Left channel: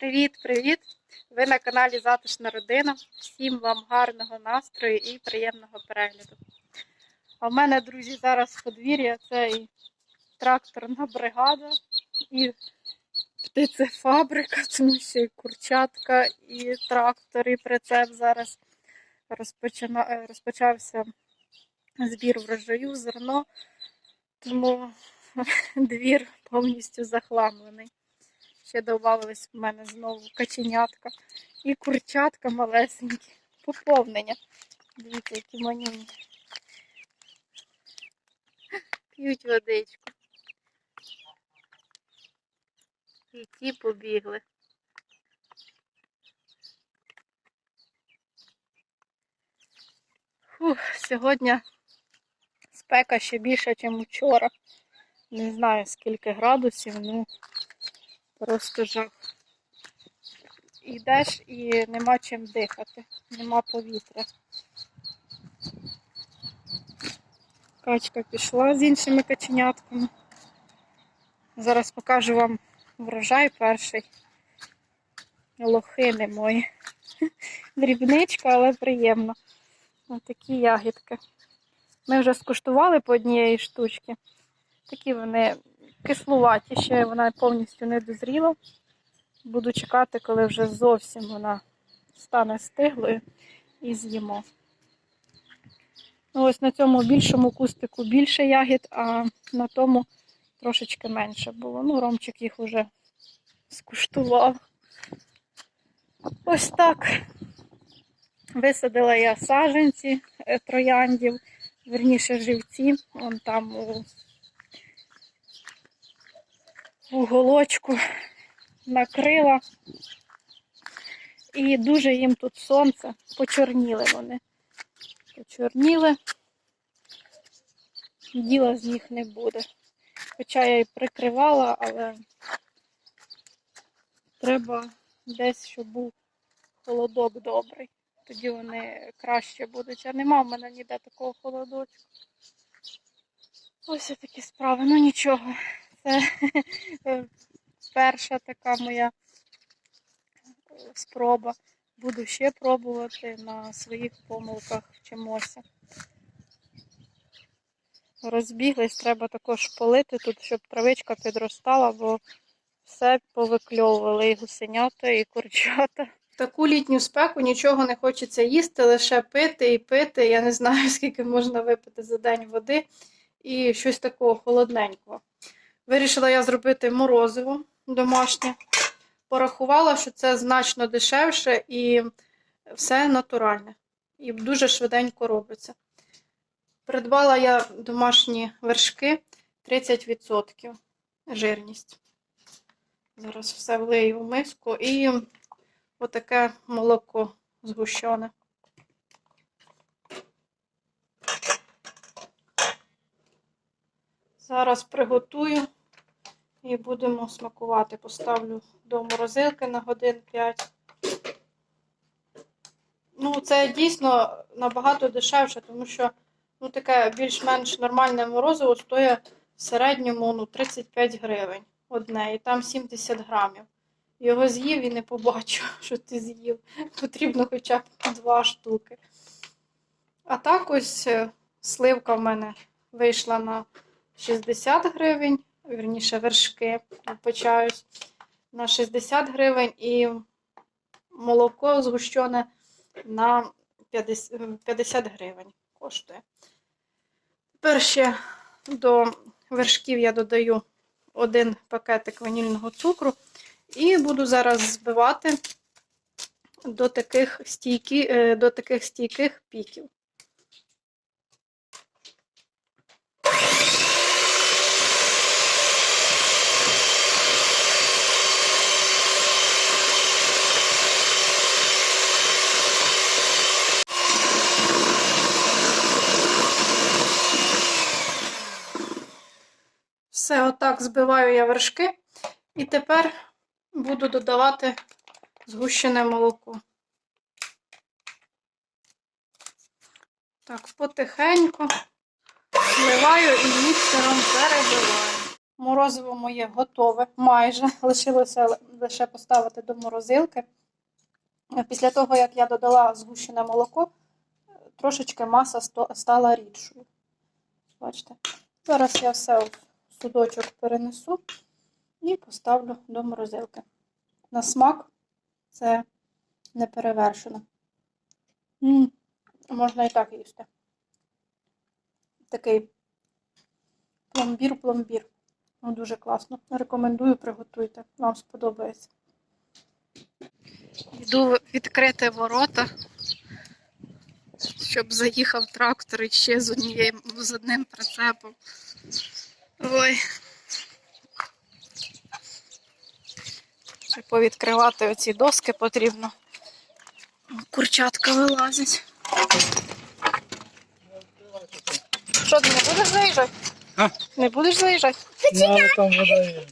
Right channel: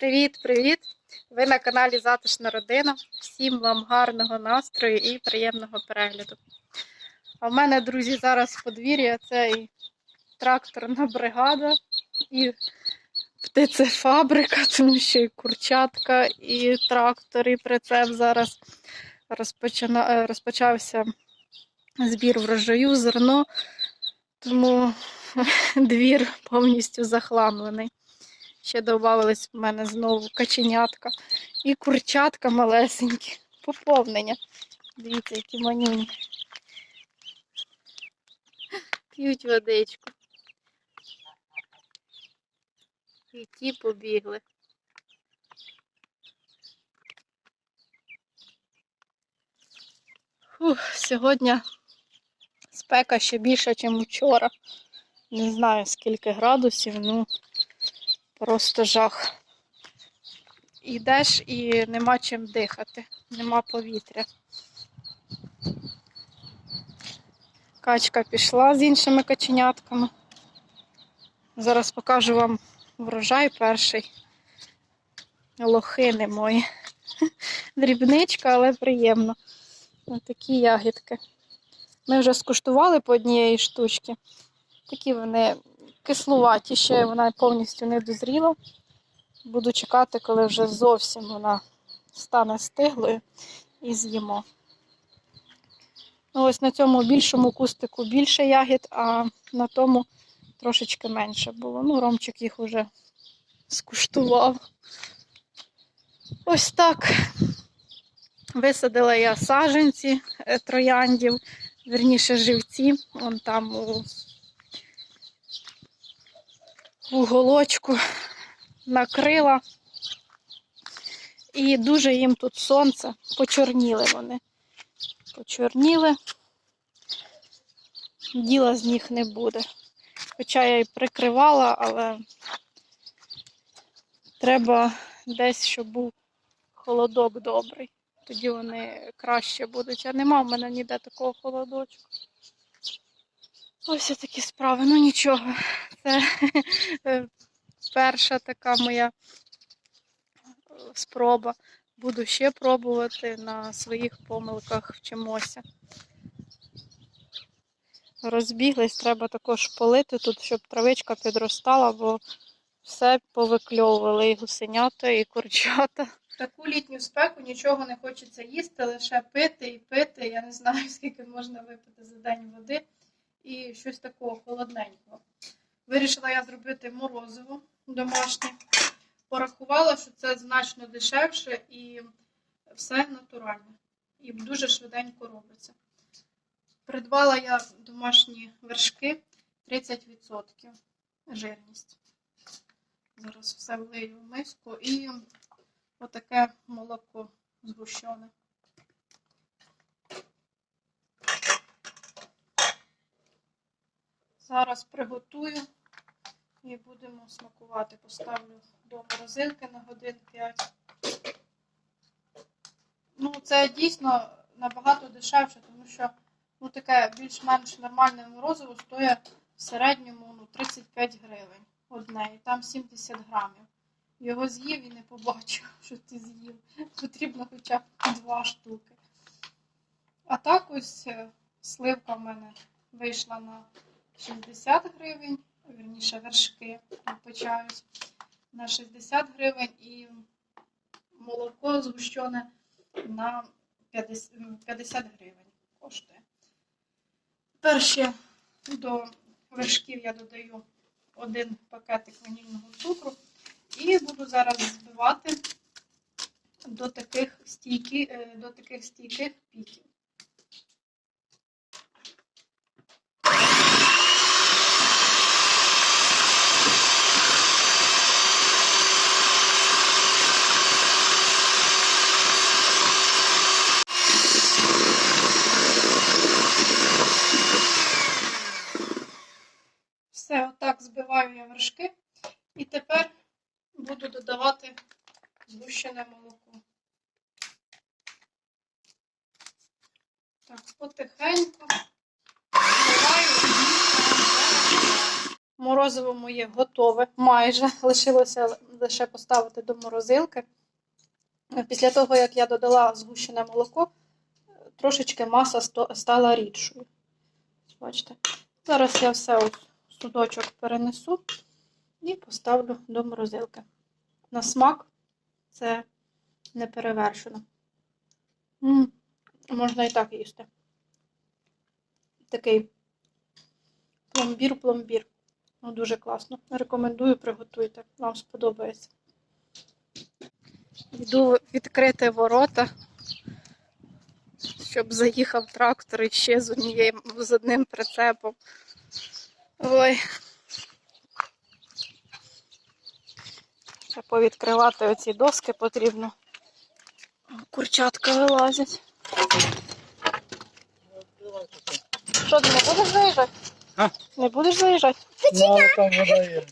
Привіт-привіт! Ви на каналі Затишна Родина. Всім вам гарного настрою і приємного перегляду. А в мене, друзі, зараз подвір'я це тракторна бригада, і птицефабрика, тому що і курчатка, і трактор, і прицеп зараз розпочина... е, розпочався збір врожаю, зерно, тому двір повністю захламлений. Ще додавались в мене знову каченятка і курчатка малесенькі. Поповнення. Дивіться, які манюнькі. П'ють водичку. І ті побігли. Фух, сьогодні спека ще більша, ніж вчора. Не знаю скільки градусів, ну просто жах. Йдеш і нема чим дихати, нема повітря. Качка пішла з іншими каченятками. Зараз покажу вам врожай перший. Лохини мої. Дрібничка, але приємно. Ось такі ягідки. Ми вже скуштували по однієї штучки. Такі вони кислуваті, ще вона повністю не дозріла. Буду чекати, коли вже зовсім вона стане стиглою і з'їмо. Ну, ось на цьому більшому кустику більше ягід, а на тому трошечки менше було. Ну, Ромчик їх вже скуштував. Ось так. Висадила я саженці е, трояндів, верніше живці, вон там у уголочку накрила. І дуже їм тут сонце, почорніли вони. Почорніли, діла з них не буде. Хоча я і прикривала, але треба десь, щоб був холодок добрий. Тоді вони краще будуть. А нема в мене ніде такого холодочку. Ось такі справи. Ну нічого. Це перша така моя спроба. Буду ще пробувати на своїх помилках вчимося. Розбіглись, треба також полити тут, щоб травичка підростала, бо все повикльовували і гусенята, і курчата. Таку літню спеку нічого не хочеться їсти, лише пити і пити. Я не знаю, скільки можна випити за день води і щось такого холодненького. Вирішила я зробити морозиво домашнє. Порахувала, що це значно дешевше і все натуральне. І дуже швиденько робиться. Придбала я домашні вершки 30% жирність. Зараз все влию в миску і отаке молоко згущене. Зараз приготую і будемо смакувати. Поставлю до морозилки на годин 5. Ну, це дійсно набагато дешевше, тому що ну, таке більш-менш нормальне морозиво стоїть в середньому ну, 35 гривень одне, і там 70 грамів. Його з'їв і не побачив, що ти з'їв. Потрібно хоча б два штуки. А так ось е, сливка в мене вийшла на 60 гривень, вірніше вершки, вибачаюсь, на 60 гривень і молоко згущене на 50 50 гривень коштує. Тепер ще до вершків я додаю один пакетик ванільного цукру і буду зараз збивати до таких, стійки, е, до таких стійких піків. Все, отак збиваю я вершки. І тепер буду додавати згущене молоко. Так, потихеньку зливаю і місце вам перебиваю. Морозиво моє готове, майже. Лишилося лише поставити до морозилки. Після того, як я додала згущене молоко, трошечки маса стала рідшою. Бачите? Зараз я все у судочок перенесу і поставлю до морозилки. На смак це не перевершено. М, Можна і так їсти. Такий пломбір-пломбір. Ну, дуже класно. Рекомендую, приготуйте. Вам сподобається. Йду відкрити ворота, щоб заїхав трактор і ще з, однією, з одним прицепом. Ой. Ще повідкривати оці доски потрібно. Курчатка вилазять. Що, ти не будеш заїжджати? А? Не будеш заїжджати? Ну, там вода є.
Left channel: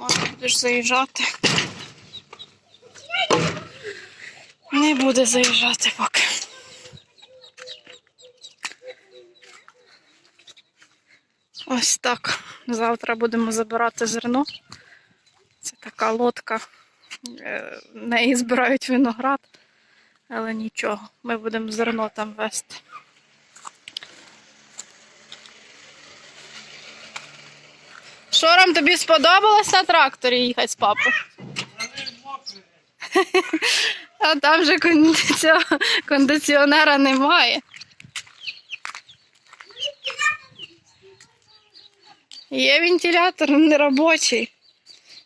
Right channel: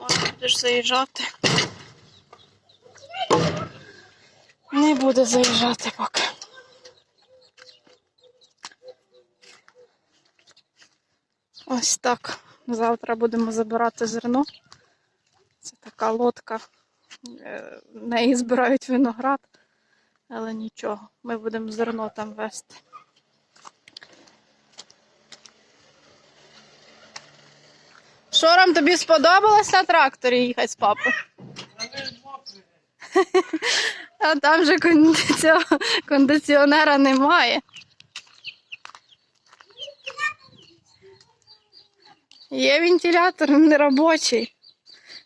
Може, будеш заїжджати. Не буде заїжджати поки. Ось так. Завтра будемо забирати зерно. Це така лодка. Е, неї збирають виноград, але нічого, ми будемо зерно там вести. Шором тобі сподобалось на тракторі їхати з папою? А там же кондиціонера немає. Є вентилятор не робочий.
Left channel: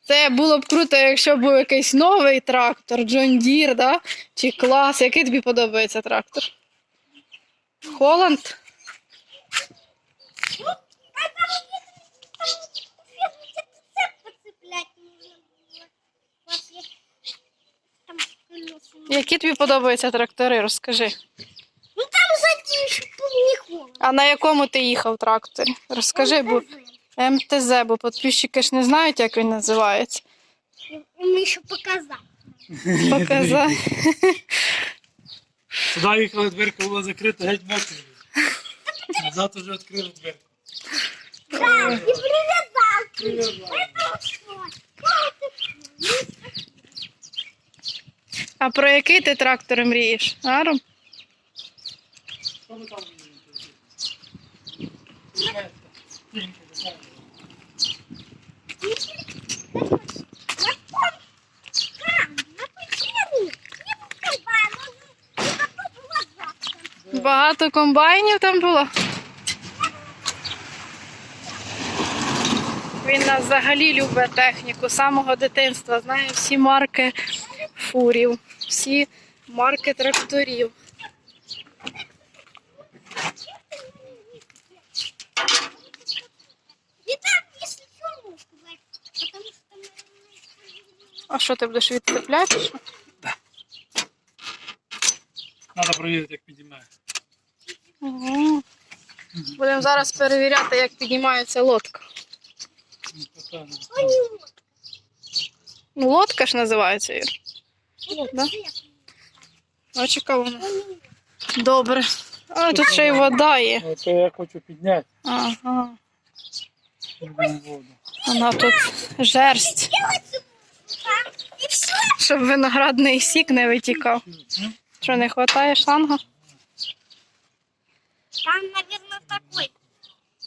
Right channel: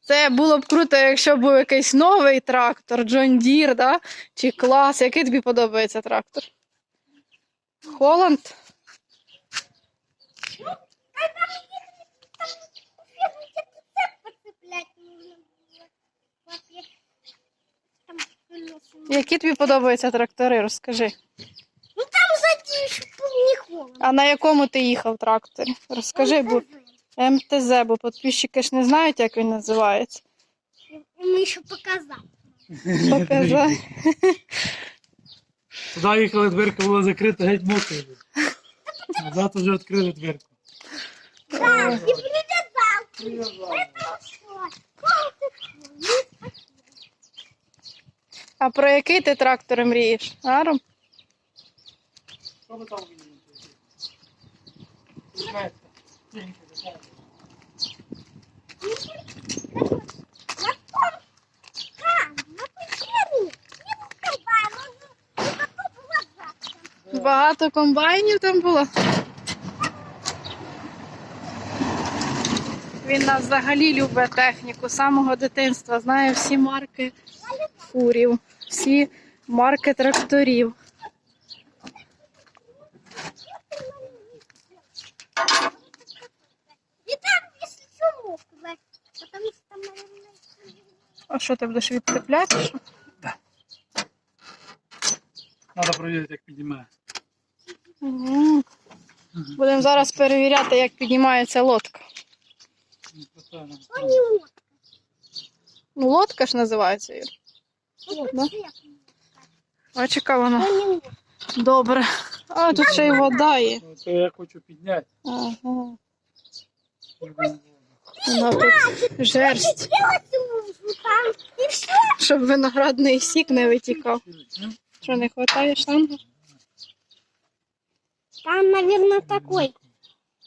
Це було б круто, якщо був якийсь новий трактор, John Deere, да? чи клас. Який тобі подобається трактор? Холланд? Які тобі подобаються трактори? Розкажи. Ну там задним, чтобы не холодно. А на якому ти їхав тракторі? Розкажи, бо МТЗ, бо підписчики ж не знають, як він називається. Ему еще показать. Показай. Сюди їхали, дверка була закрита, геть мокрий. Назад вже відкрили дверку. А про який ти трактор мрієш? Аром? Що ви там Багато комбайнів там було. Він нас взагалі любить техніку з самого дитинства. Знає всі марки фурів, всі марки тракторів. А що ти будеш відцепляти? що? Треба провірити, як підіймає. Угу. Будемо зараз перевіряти, як піднімається лодка. Ну, лодка ж називається. Вот Да? цвет. Бачиш, вона. Добре. А тут ще й вода є. Ото я хочу підняти Ага. Вона тут жерсть, щоб виноградний сік не витікав. Ну, Що не вистачає шланга? Там, наверное, такой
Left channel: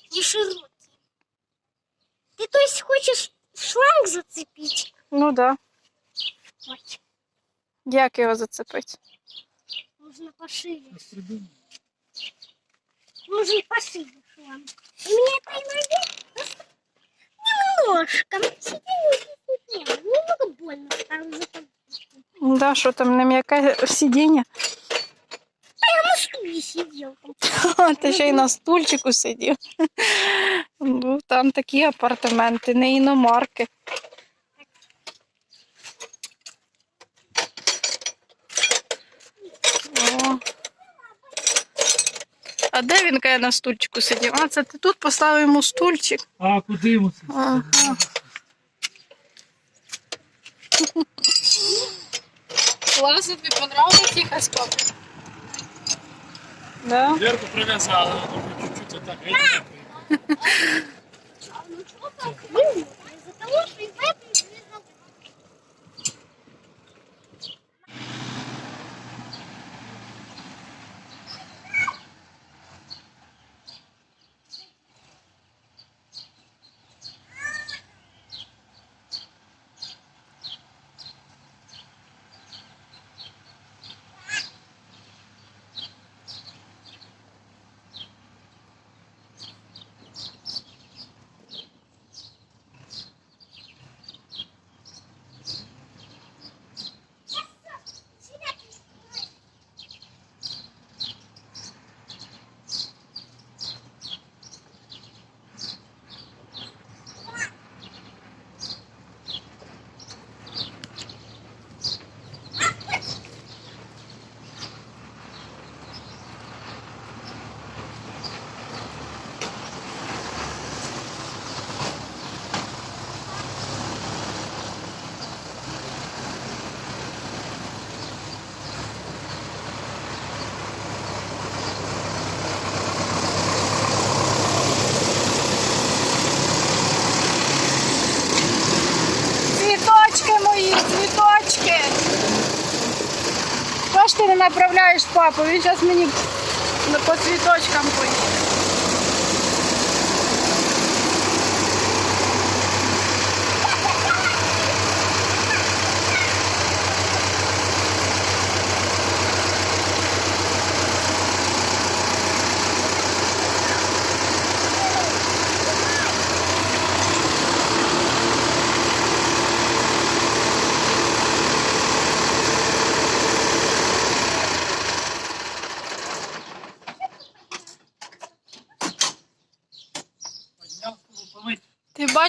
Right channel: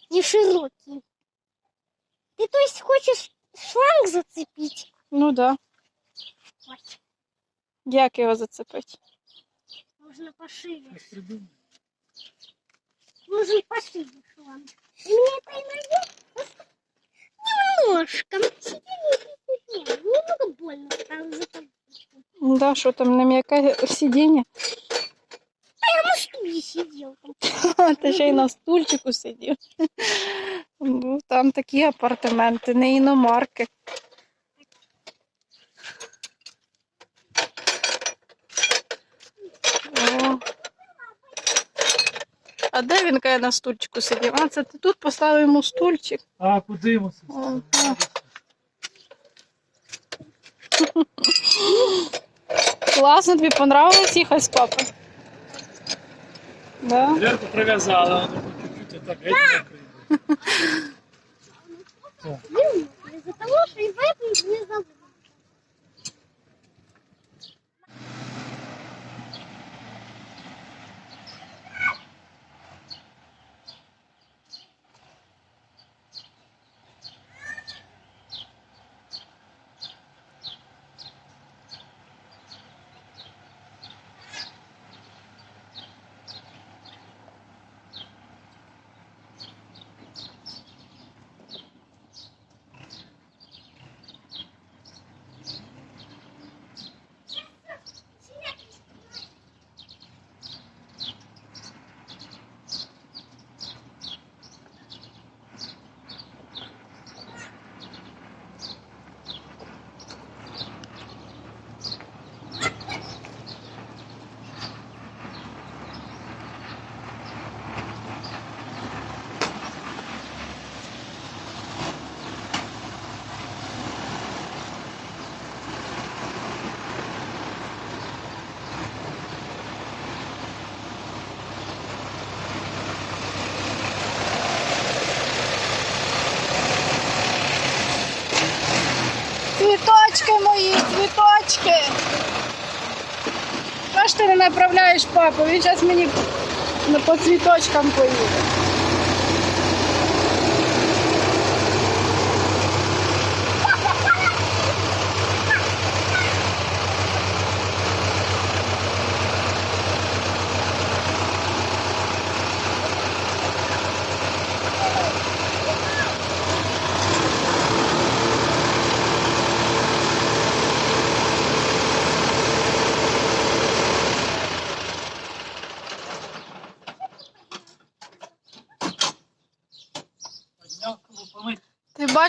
не широкий. Ты, то есть, хочешь шланг зацепить? Ну да. Вот. Як його зацепити? Можно пошире. Нужен пошире шланг. И мне это иногда немножко. ну, сиденье. Немного больно стало за. Да, що там не м'яке сидіння? Я на стуле сидел. там. Ти ще й на стульчику сидів. Ну, там такі апартаменти, не іномарки. О. А де він каже на стульчику сидів? А, це ти тут поставив йому стульчик. А куди йому це? Ага. Класно, тобі понравилось їхати з папою? Да? Дверку прив'язали, воно чуть-чуть отак геть мокрий. А ну что так вымокли? Из-за того, что и выпить не забыл. Направляєш папу? Він зараз мені ну, по цвіточкам поїде.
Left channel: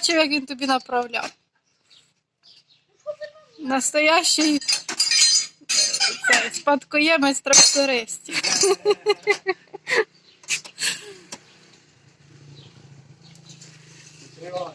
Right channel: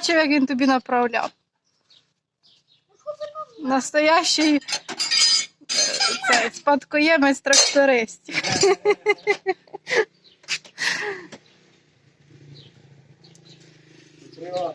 Бачив, як він тобі направляв? Настоящий е, цей, спадкоємець трактористів. Відкривай.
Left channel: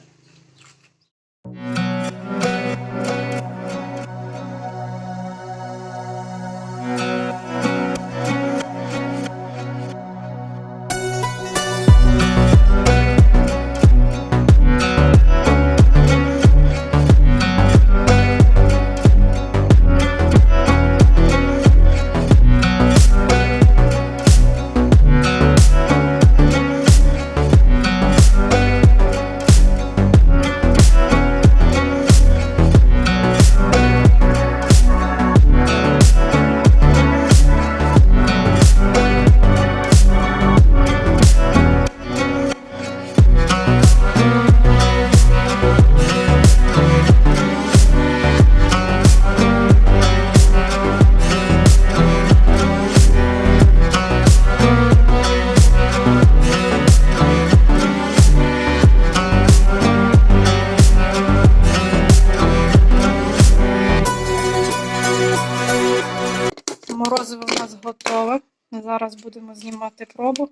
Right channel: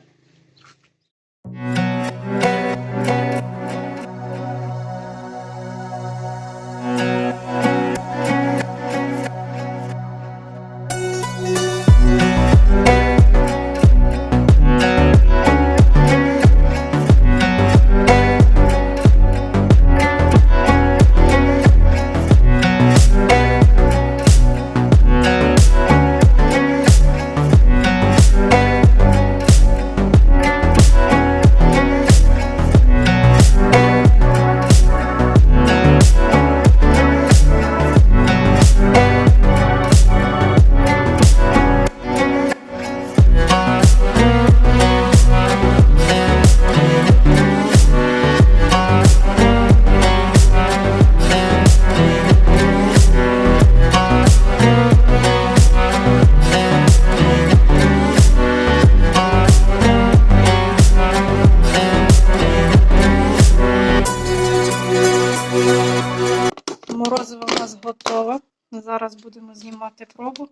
Зараз будемо знімати пробу.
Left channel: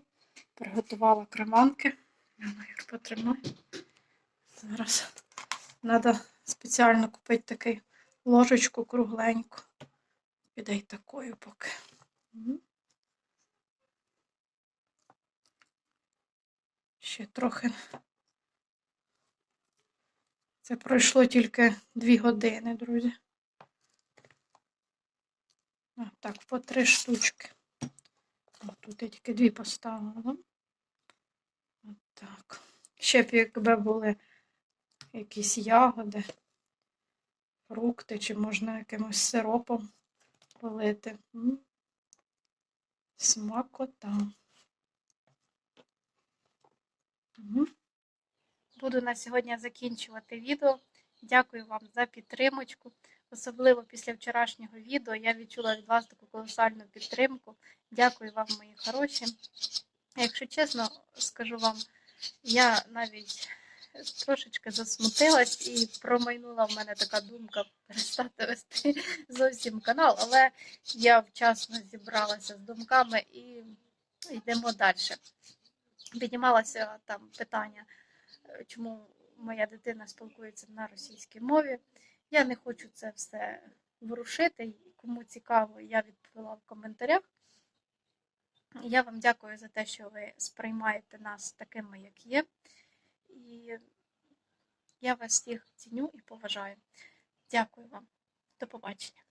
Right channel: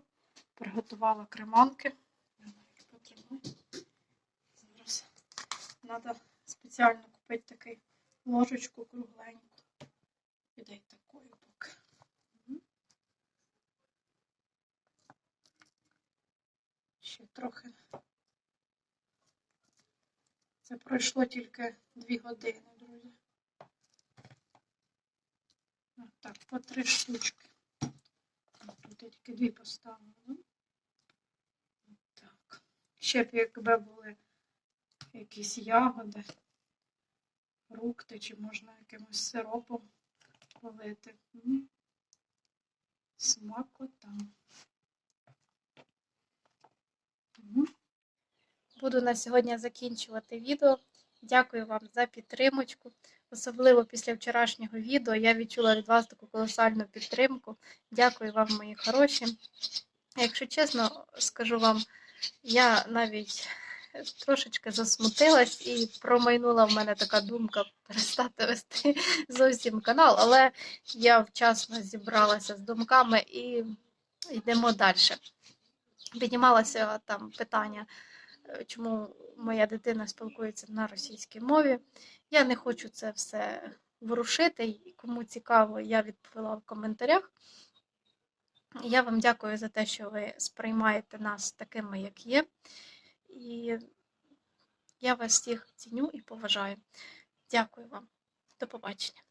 Приготувала креманки. Я Юр, потримай. Зараз треба спеціально купити таку ложечку кругленьку. Піде й такою поки. Ще трохи. Це пройшло тільки дві години, друзі. А, Так, по три штучки. Тут я тільки дві поставила. От так. Ще б якби були якісь ягоди, фрукти, чи можна якимось сиропом полити. Смакота. Мгм. Буду на сьогодні закінчувати відео. Дякую вам за підтримочку. Особливо після вчорашнього відео я відчула від вас таку колосальну підтримку. Дякую вам, мої хороші. Якщо чесно, скажу вам, я навіть трошечки засмутилась і промайнула в мене така думка перестати вести зовсім канал, але я вчасно зібралася з думками і йдемо далі. Піднімалося там питання, е, чому моя дитина спілкується на російській мові. Я не хочу це все ворушити. і Кому цікаво, я відповіла в коментарях. Я вам дякую за те, що ви сприймаєте нас такими, як є. І я вас всіх ціню і поважаю. Дякую вам. До побачення.